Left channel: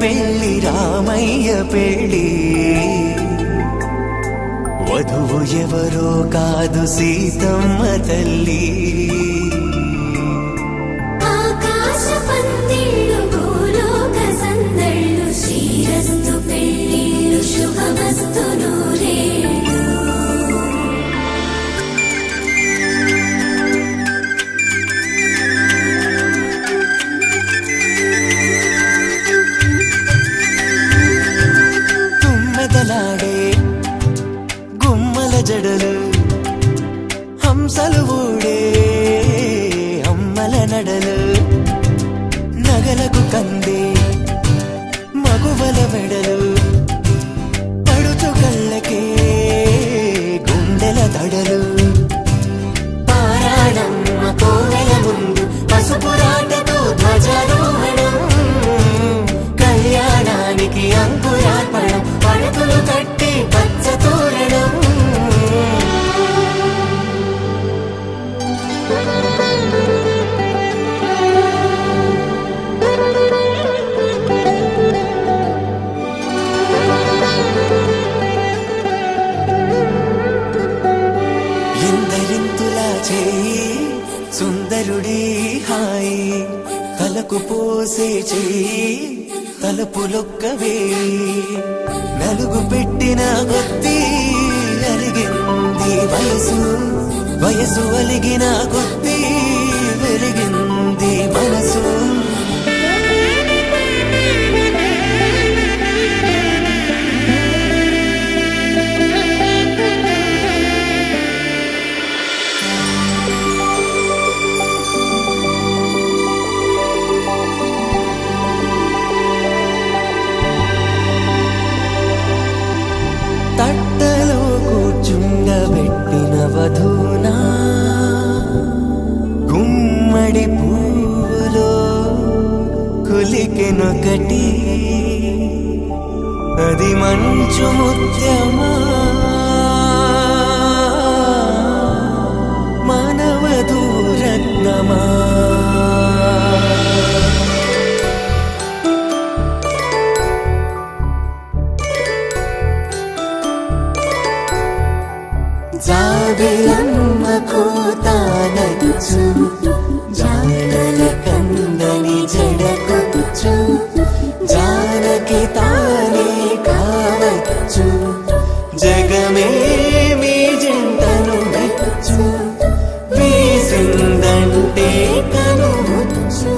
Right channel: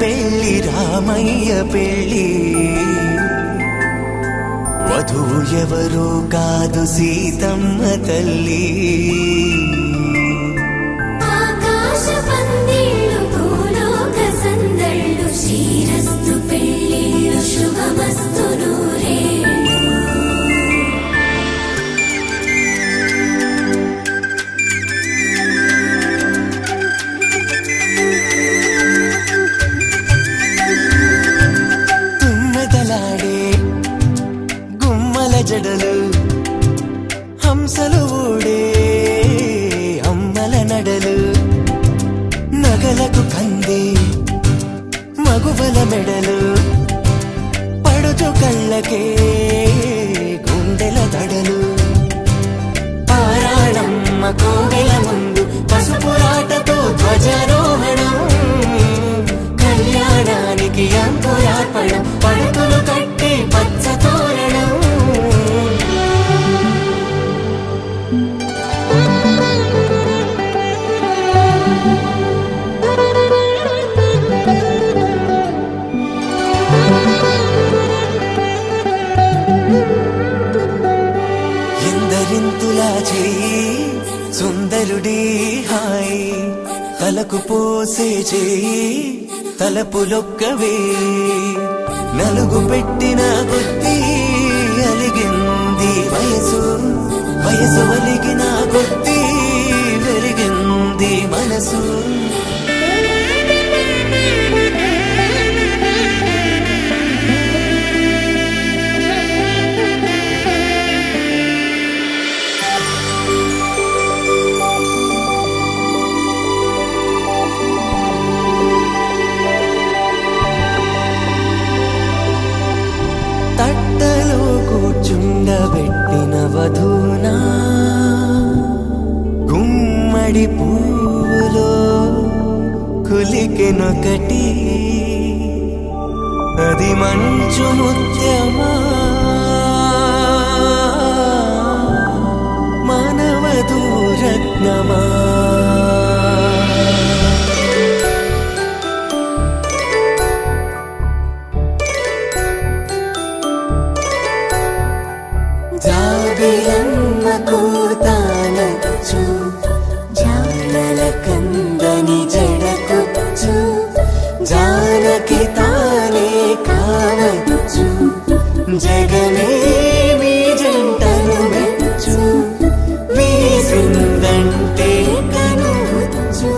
పెళ్లి రామయ్య పెళ్లి వధువు ఎవరో కాదు సీతమ్మ తల్లి ఆకాశ పందిళ్ళు భూలోక సందళ్ళు శ్రీరస్తు పెళ్లిళ్ళు శుభమస్తు నూరే హంసలు ఊడే అమ్మల నడలు నగలకు కంది మగువల వెడలు పడుచు కళ్ళకే గుండెల తడలు ఆరాడమ్మ కోవెల ముందు పసుపురాటతో ధ్వజారోహణం కళ్యాణానికి అంకురార్పణం పడుకులు కట్టి పచ్చ తోరణం ఎందరింతులా చేయి సుందరుడి హాయి తలకు పోసే చేయి తలపులొక్కవే నలుగు పెట్టిన కొద్దీ అరిగింది వయసు వయసు ఒరిగిన కొద్దీ వెలిగింది మనసు తట్టలో కూర్చుండబెట్టిన వధూనా గుమ్మడి పువ్వులో కులికెనొకటి అది మంచు ముత్యమా మానవధూరత్నమా జాబిలమ్మ కూతానగుచు జాగల కందని జడకొచ్చు జానకి తానే కావదుచు జగమే మీ జంటను వెతుచు వేసిందంటే కనువచ్చు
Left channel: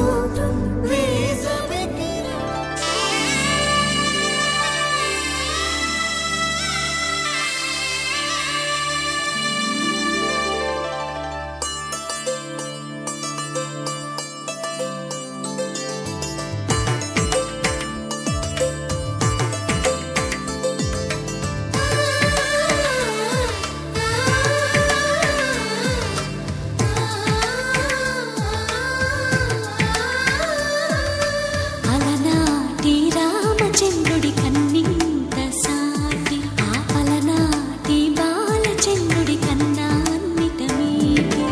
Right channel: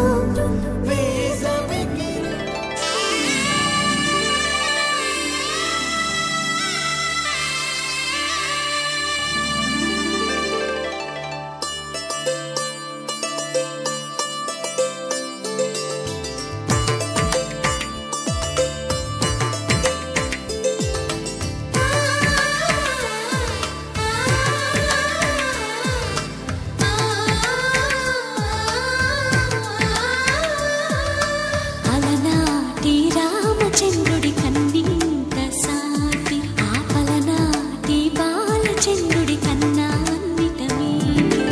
రామచంద్రుడి కన్నింత సాటి ఆపలనాటి బాలచంద్రుడి కన్నా అన్నిట మీటి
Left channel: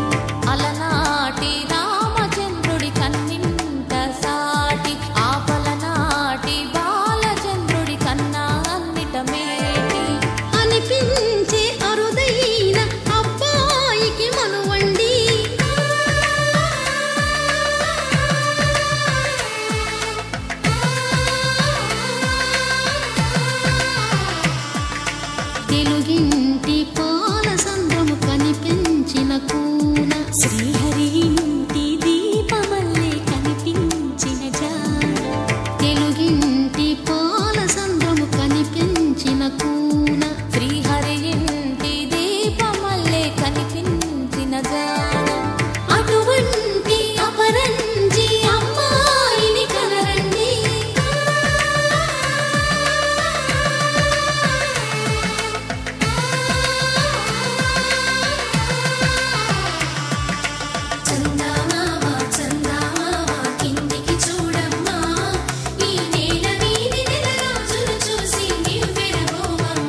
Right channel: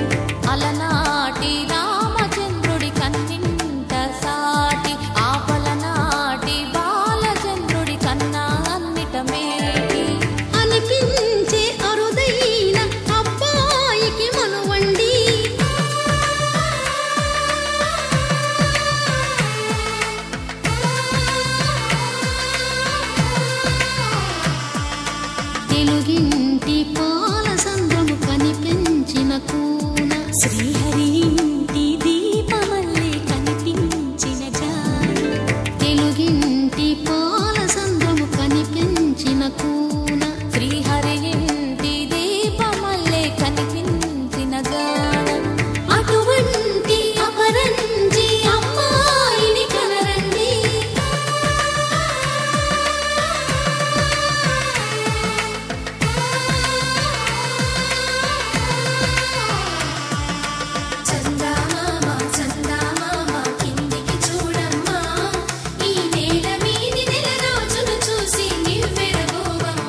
అలనాటి రామచంద్రుడి కన్నింత సాటి ఆపలనాటి బాలచంద్రుడి కన్నా అన్నిట మేటి అనిపించే అరుదైన అబ్బాయికి మనువండి తెలుగింటి పాల సంద్రము కనిపించిన కూన శ్రీహరి ఇంటి దీపమల్లే కనిపించిన జాడ తెలుగింటి పాల సంద్రము కనిపించిన కూన శ్రీహరి ఇంటి దీపమల్లే కనిపించిన జాడ అటువంటి అపరంజి అమ్మాయిని కనరండి ఈ నేల వీధి నెల రోజులు చూసి నివ్వెరబోవమ్మ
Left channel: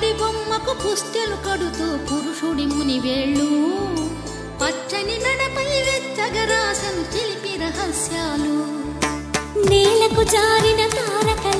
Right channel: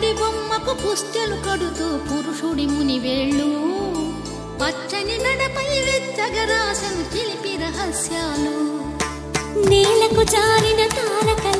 పడి బొమ్మకు పుస్తెలు కడుతూ పురుషుడి మునివేళ్ళు పచ్చని నడపై వెచ్చగరాసను చిలిపి రహస్యాలు నేలకు జారిన తారకల